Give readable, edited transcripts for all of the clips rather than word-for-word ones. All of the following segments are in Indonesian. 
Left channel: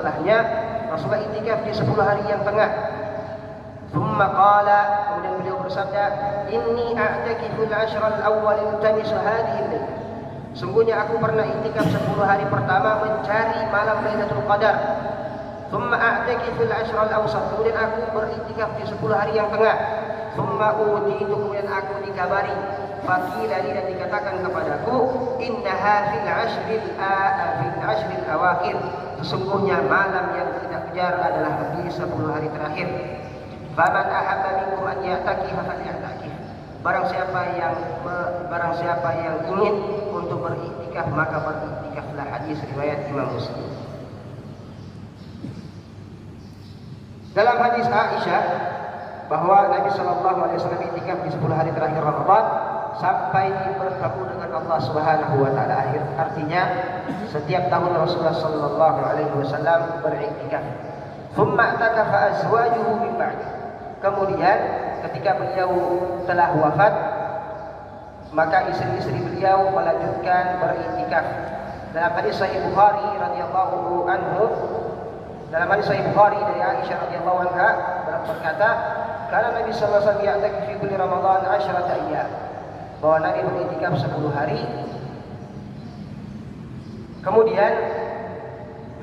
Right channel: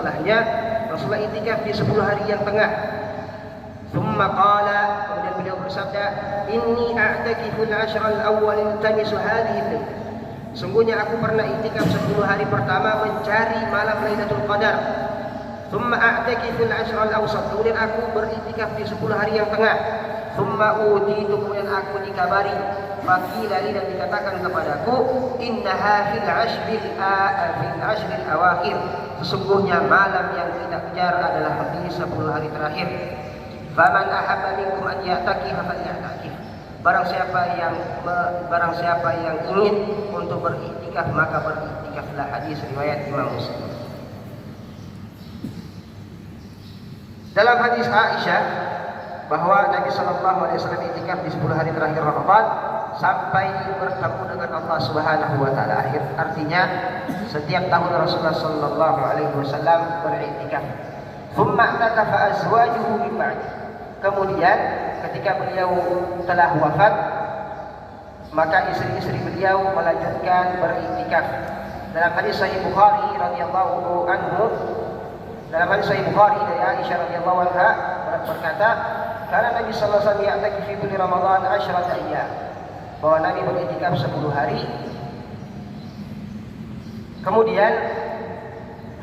setelahnya Rasulullah i'tikaf di 10 hari yang tengah. Thumma qala, kemudian beliau bersabda, inni a'takifu al-ashra al-awwal iltamisu hadhihi al-lailah. Sungguhnya aku pernah i'tikaf 10 hari pertama mencari malam Lailatul Qadar. Thumma a'takifu al-ashra al-awsat, kemudian aku beriktikaf di 10 hari yang tengah. Thumma utitu, kemudian aku dikabari, faqila li, dan dikatakan kepadaku, innaha fil ashril awakhir, sesungguhnya malam yang kita kejar adalah di 10 hari terakhir. Faman ahabba minkum an ya'takifa falya'takif. Barang siapa yang ingin untuk beriktikaf maka beriktikaflah. Hadis riwayat Imam Muslim. Dalam hadis Aisyah bahwa Nabi Shallallahu Alaihi Wasallam i'tikaf di 10 hari terakhir Ramadan sampai bertemu dengan Allah Subhanahu Wa Taala. Artinya setiap tahun Rasulullah Shallallahu Alaihi Wasallam beriktikaf. Thumma i'takafa azwajuhu min ba'd. Kemudian ketika beliau telah wafat, maka istri-istri beliau melanjutkan beriktikaf. Dalam hadis Sahih Bukhari radhiyallahu anhu, dalam hadis Sahih Bukhari dari Aisyah radhiyallahu anha berkata, karena Nabi sallallahu alaihi wasallam ya'takif fi kulli Ramadan 10 ayyam, bahwa Nabi beriktikaf 10 hari. Kemudian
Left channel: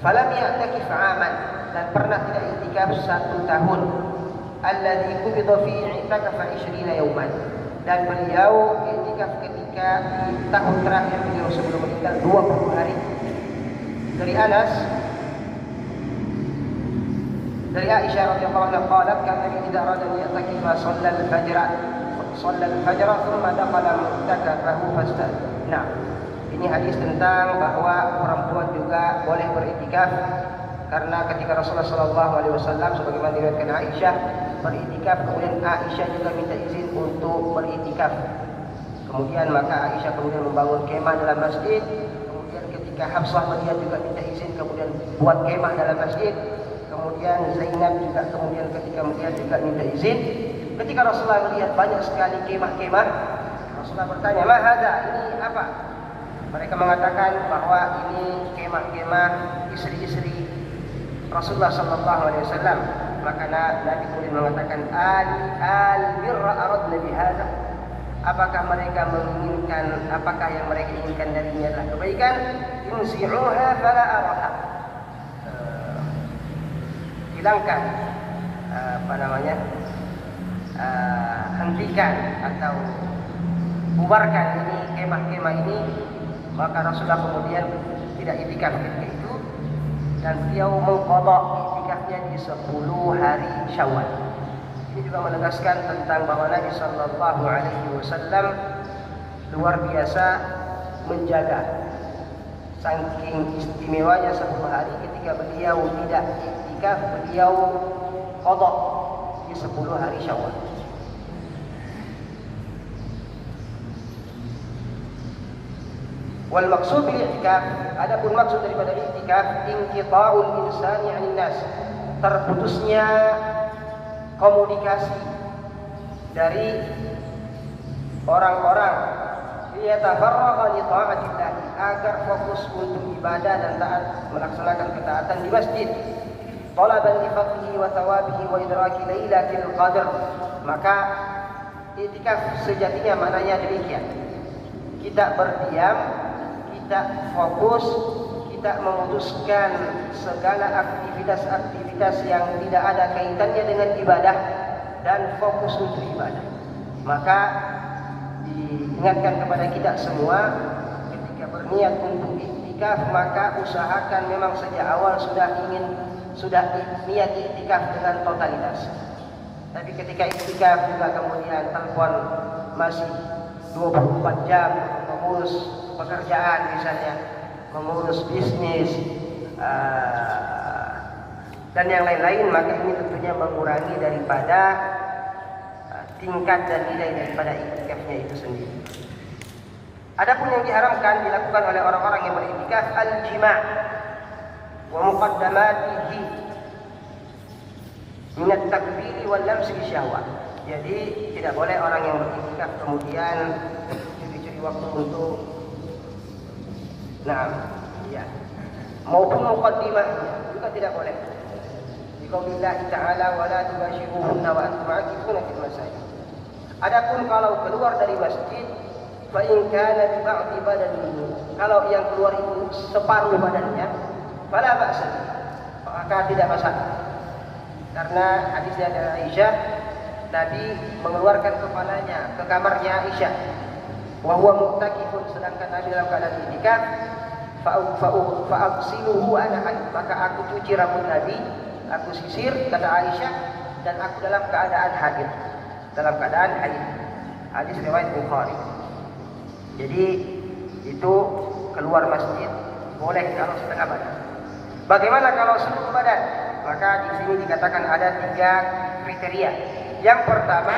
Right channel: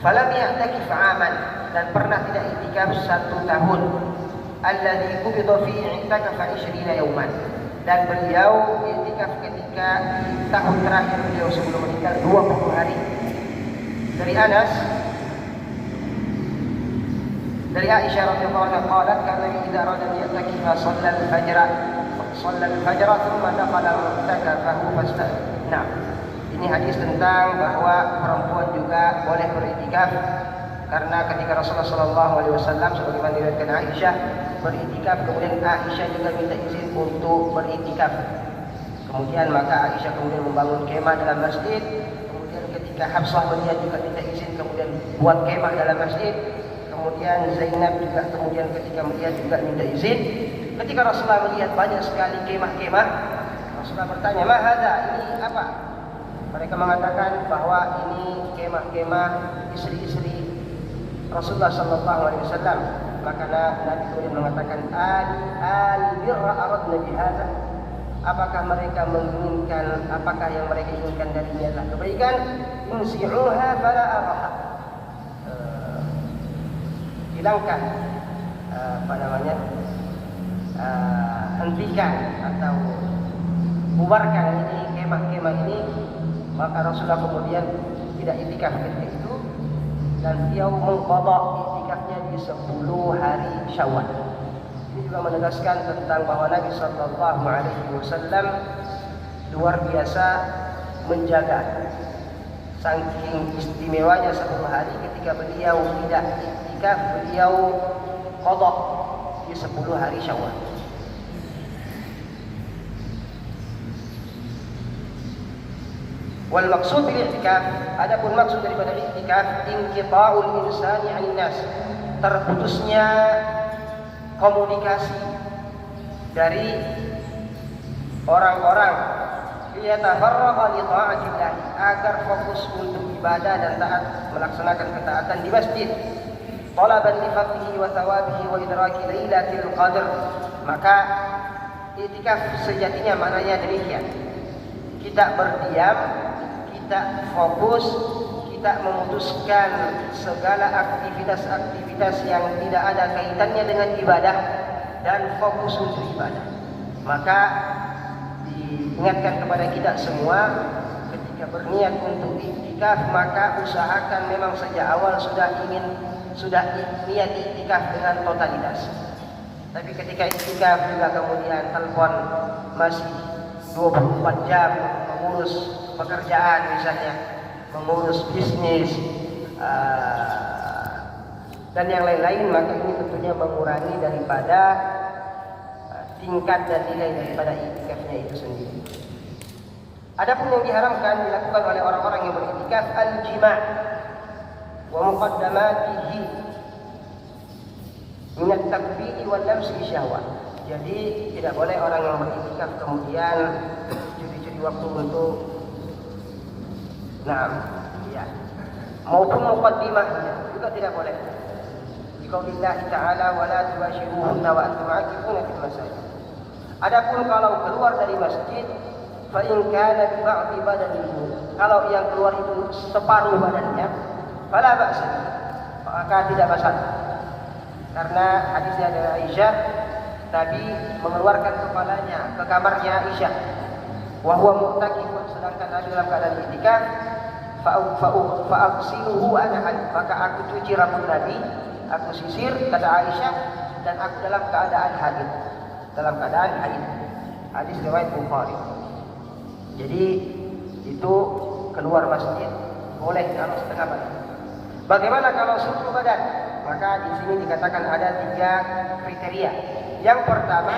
falam ya'takif 'aman, dan pernah tidak iktikaf 1 tahun. Alladzi qubida fi i'takafa 20 yawman, dan beliau iktikaf ketika tahun terakhir beliau sebelum meninggal 20 hari. Dari Anas, dari Aisyah radhiyallahu anha qalat, kana idza arada ya'takifa shalla al-fajr thumma dakhala mu'takafahu fasta'adhan. Nah, ini hadis tentang bahwa perempuan juga boleh beriktikaf, karena ketika Rasulullah sallallahu alaihi wasallam sebagaimana diriwayatkan Aisyah beriktikaf, kemudian Aisyah juga minta izin untuk beriktikaf. Kemudian maka Aisyah kemudian membangun kemah dalam masjid. Kemudian ketika Hafsah melihat juga minta izin, kemudian buat kemah dalam masjid. Kemudian Zainab juga kemudian ketika melihat juga minta izin. Ketika Rasulullah melihat banyak sekali kemah-kemah, Rasulullah bertanya, "Ma hadza? Ini apa?" Mereka mengatakan bahwa ini kemah-kemah istri-istri Rasulullah sallallahu alaihi wasallam. Maka Nabi kemudian mengatakan, al-birra aradna bihadza. Apakah mereka menginginkan, apakah yang mereka inginkan darinya adalah kebaikan? Insi'uha fala araha. Hilangkan, hentikan atau bubarkan ini kemah-kemah ini. Maka Rasulullah kemudian tidak i'tikaf ketika itu, dan beliau mengqadha i'tikafnya di 10 hari Syawal. Ini juga menegaskan tentang bahwa Nabi sallallahu alaihi wasallam luar biasa menjaga, saking istimewanya 10 hari ketika beliau tidak i'tikaf, beliau qadha di 10 hari Syawal. Wal maksud bil i'tikaf, adapun maksud daripada i'tikaf, inqita'ul insani 'anil nas, terputusnya komunikasi dari orang-orang, liyatafarraqa li ta'atillah, agar fokus untuk ibadah dan taat, melaksanakan ketaatan di masjid. Talaban li fadlihi wa thawabihi wa idraki lailatul qadar. Maka i'tikaf sejatinya maknanya demikian. Kita berdiam, kita fokus, kita memutuskan segala aktivitas-aktivitas yang tidak ada kaitannya dengan ibadah dan fokus untuk ibadah. Maka diingatkan kepada kita semua, ketika berniat untuk i'tikaf maka usahakan memang sejak awal sudah niat i'tikaf dengan totalitas. Tapi ketika i'tikaf juga kemudian telepon masih 24 jam mengurus pekerjaan, misalnya mengurus bisnis dan yang lain-lain, maka ini tentunya mengurangi daripada tingkat dan nilai daripada i'tikafnya itu sendiri. Adapun yang diharamkan dilakukan oleh orang-orang yang beriktikaf, al-jima' wa muqaddamatihi min at-takbiri wal lamsi bisyahwah. Jadi tidak boleh orang yang beriktikaf kemudian curi-curi waktu untuk maupun muqaddimah juga tidak boleh. Biqaulillah ta'ala wala tubashiruhunna wa antum aakifuna fil masajid. Adapun kalau keluar dari masjid, fa in kana bi ba'di badanihi, kalau yang keluar itu separuh badannya, fala ba'sa, maka tidak masalah. Karena hadis dari Aisyah, Nabi mengeluarkan kepalanya ke kamarnya Aisyah, wa huwa mu'takifun, sedangkan Nabi dalam keadaan i'tikaf, fa'aghsiluhu ana haid, maka aku cuci rambut Nabi, aku sisir, kata Aisyah, dan aku dalam keadaan haid. Dalam keadaan haid. Hadis riwayat Bukhari. Jadi itu keluar masjid boleh kalau setengah badan. Bagaimana kalau seluruh badan? Maka di sini dikatakan ada 3 kriteria. Yang pertama,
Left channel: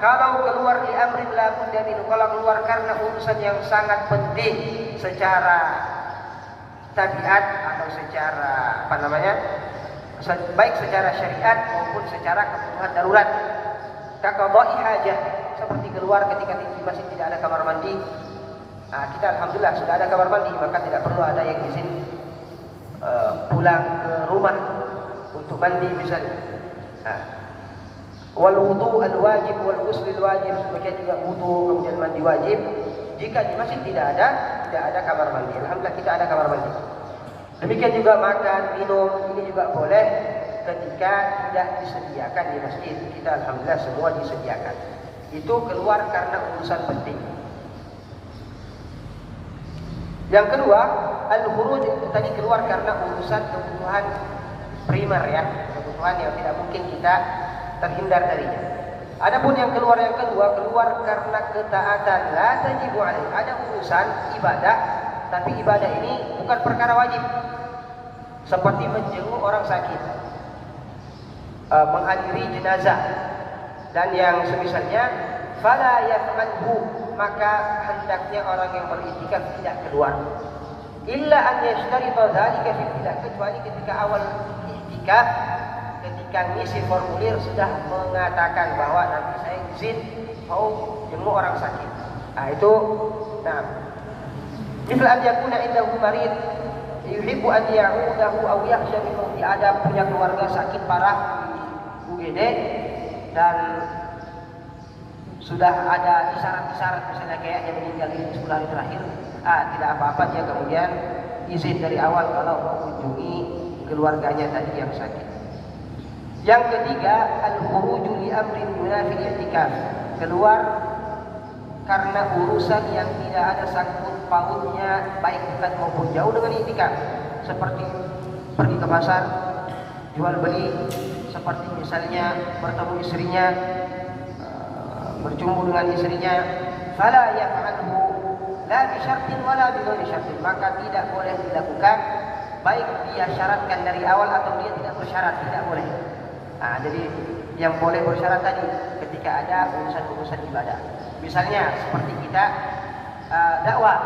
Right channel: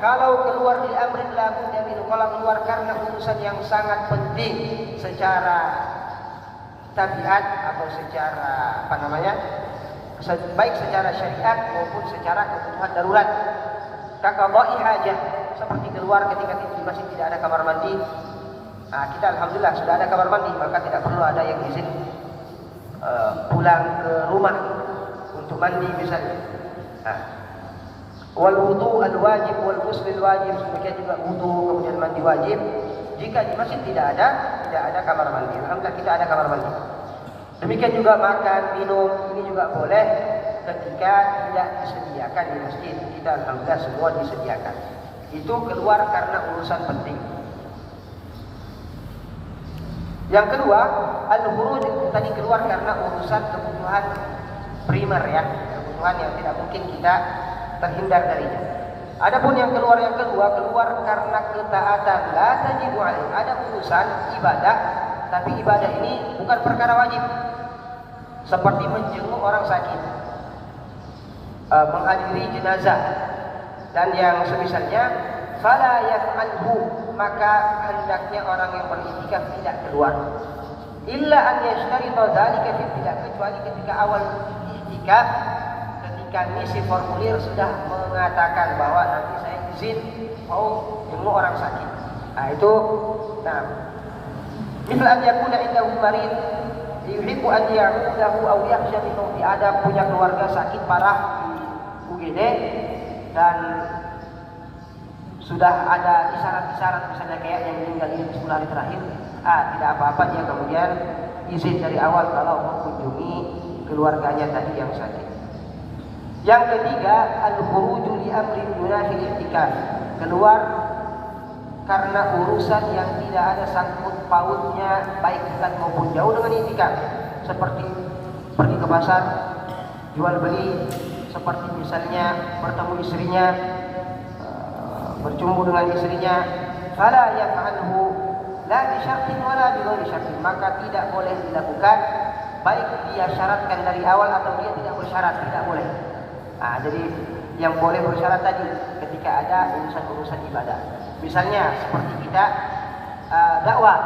kalau keluar di amrin la budda minhu, kalau keluar karena urusan yang sangat penting secara tabiat atau secara baik secara syariat maupun secara kebutuhan darurat. Kaqada'i hajah, seperti keluar ketika di masjid tidak ada kamar mandi. Nah, kita alhamdulillah sudah ada kamar mandi, maka tidak perlu ada yang izin pulang ke rumah untuk mandi misalnya. Wal wudu al wajib wal ghusl al wajib, kemudian juga wudu, kemudian mandi wajib. Jika di masjid tidak ada kamar mandi, alhamdulillah kita ada kamar mandi. Demikian juga makan, minum, ini juga boleh ketika tidak disediakan di masjid. Kita alhamdulillah semua disediakan. Itu keluar karena urusan penting. Yang kedua, al-khuruj, tadi keluar karena urusan kebutuhan primer ya, kebutuhan yang tidak mungkin kita terhindar dari. Adapun yang kedua keluar karena ketaatan, la tajibu alaih. Ada urusan ibadah, tapi ibadah ini bukan perkara wajib. Seperti menjenguk orang sakit, menghadiri jenazah, dan yang semisalnya, fala yaf'alhu, maka hendaknya orang yang beriktikaf tidak keluar. Illa an yashtarita dzalika fi bidah, kecuali ketika awal iktikaf, ketika ngisi formulir sudah mengatakan bahwa nanti saya izin mau jenguk orang sakit. Nah itu, misal an yakuna indahu marid yuhibbu an ya'udahu aw yakhsha minhu, ada punya keluarga sakit parah UGD dan sudah ada isyarat-isyarat misalnya kayak yang meninggal di 10 hari terakhir, tidak apa-apa dia kemudian izin dari awal kalau mau mengunjungi keluarganya tadi yang sakit. Yang ketiga, al-khuruju li amri munafil i'tikaf, keluar karena urusan yang tidak ada sangkut pautnya baik dekat maupun jauh dengan i'tikaf, seperti pergi ke pasar, jual beli, seperti misalnya bertemu istrinya, bercumbu dengan istrinya, fala yaf'alhu la bi syartin wala bi ghairi syartin, maka tidak boleh dilakukan baik dia syaratkan dari awal atau dia tidak bersyarat, tidak boleh. Jadi yang boleh bersyarat tadi ketika ada urusan-urusan ibadah. Misalnya seperti kita dakwah,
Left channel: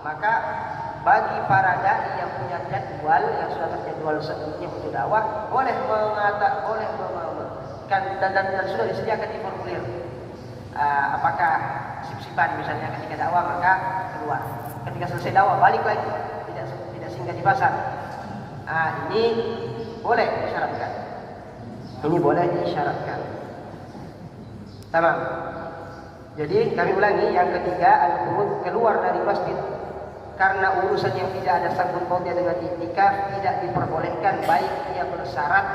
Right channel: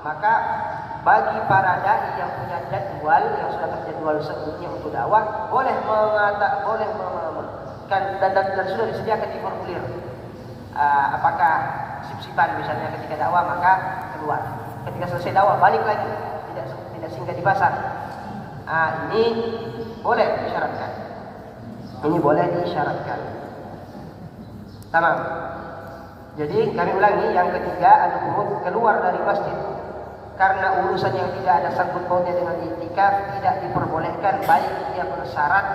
maka bagi para dai yang punya jadwal, yang sudah terjadwal sebelumnya untuk dakwah, boleh dan sudah disediakan di formulir. Apakah sip-sipan misalnya ketika dakwah maka keluar, ketika selesai dakwah balik lagi, tidak singgah di pasar. Ini boleh disyaratkan. Ini boleh disyaratkan. Tamam. Jadi kami ulangi, yang ketiga al-khuruj, keluar dari masjid karena urusan yang tidak ada sangkut pautnya dengan i'tikaf, tidak diperbolehkan baik dia bersyarat,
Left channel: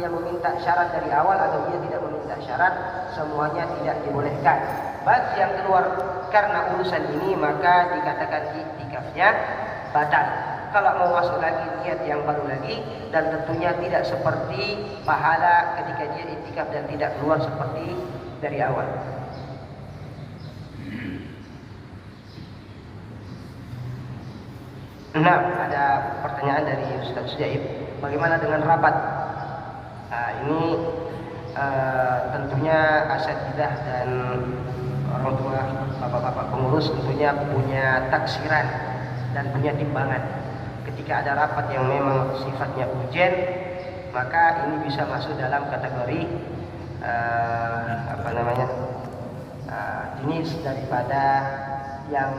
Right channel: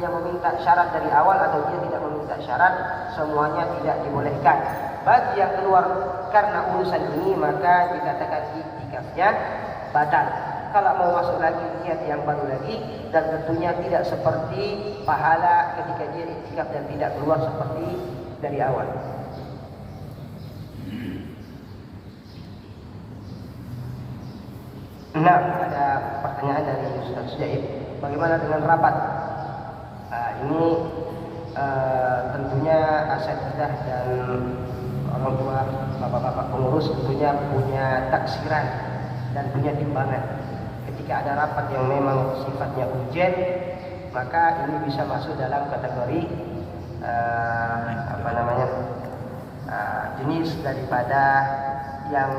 dia meminta syarat dari awal atau dia tidak meminta syarat, semuanya tidak dibolehkan. Bagi yang keluar karena urusan ini maka dikatakan i'tikafnya batal. Kalau mau masuk lagi niat yang baru lagi, dan tentunya tidak seperti pahala ketika dia i'tikaf dan tidak keluar seperti dari awal. Nah, ada pertanyaan dari Ustaz Jaib, bagaimana dengan rapat? Ini tentunya asatidzah dan orang tua, bapak-bapak pengurus tentunya punya taksiran dan punya timbangan. Ketika ada rapat yang memang sifatnya urgent, maka ini bisa masuk dalam kategori jenis daripada yang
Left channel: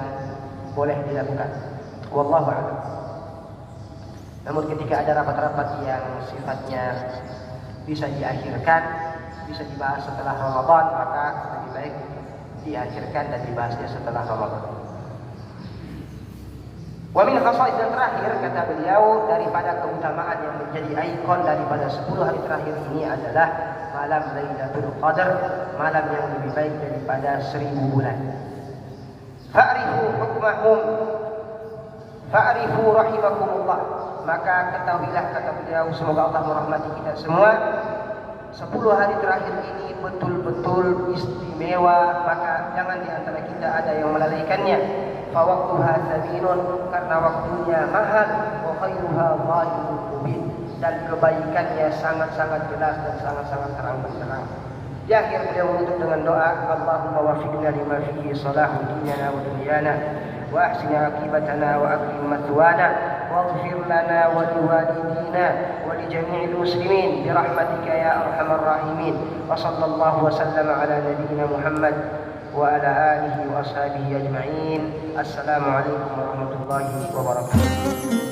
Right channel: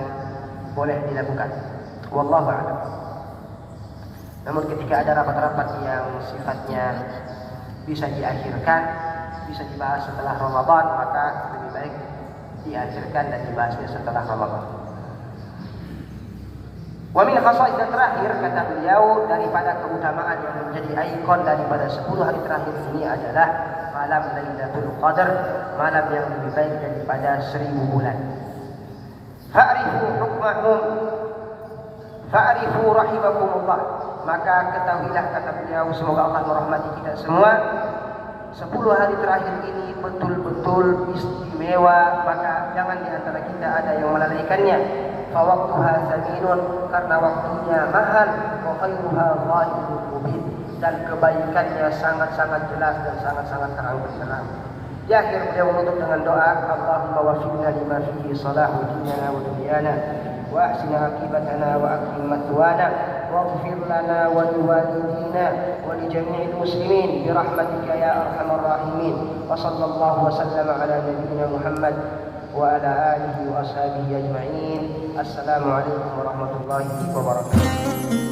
boleh dilakukan. Wallahu a'lam. Namun ketika ada rapat-rapat yang sifatnya bisa diakhirkan, bisa dibahas setelah Ramadan, maka lebih baik diakhirkan dan dibahasnya setelah Ramadan. Wa min khasa'is yang terakhir, kata beliau, daripada keutamaan yang menjadi ikon daripada 10 hari terakhir ini adalah malam Lailatul Qadar, malam yang lebih baik daripada 1000 bulan. Fa'rifu hukmahum, fa'rifu rahimakumullah. Maka ketahuilah, kata beliau, semoga Allah merahmati kita semua, 10 hari terakhir ini betul-betul istimewa, maka jangan di antara kita ada yang melalaikannya. Fawaqtuha thaminun, karena waktunya mahal, wa khairuha zahirun mubin, dan kebaikannya sangat-sangat jelas dan sangat-sangat terang benderang. Di akhir beliau menutup dengan doa, Allahumma wafiqna lima fihi salahu dinana wa dunyana wa ahsin aqibatana wa akrim mathwana waghfir lana wa liwalidina wa li jami'il muslimin bi rahmatika ya arhamar rahimin. Wa sallallahu wa sallama ala nabiyyina Muhammad wa ala alihi wa ashabihi ajma'in. Assalamualaikum warahmatullahi wabarakatuh.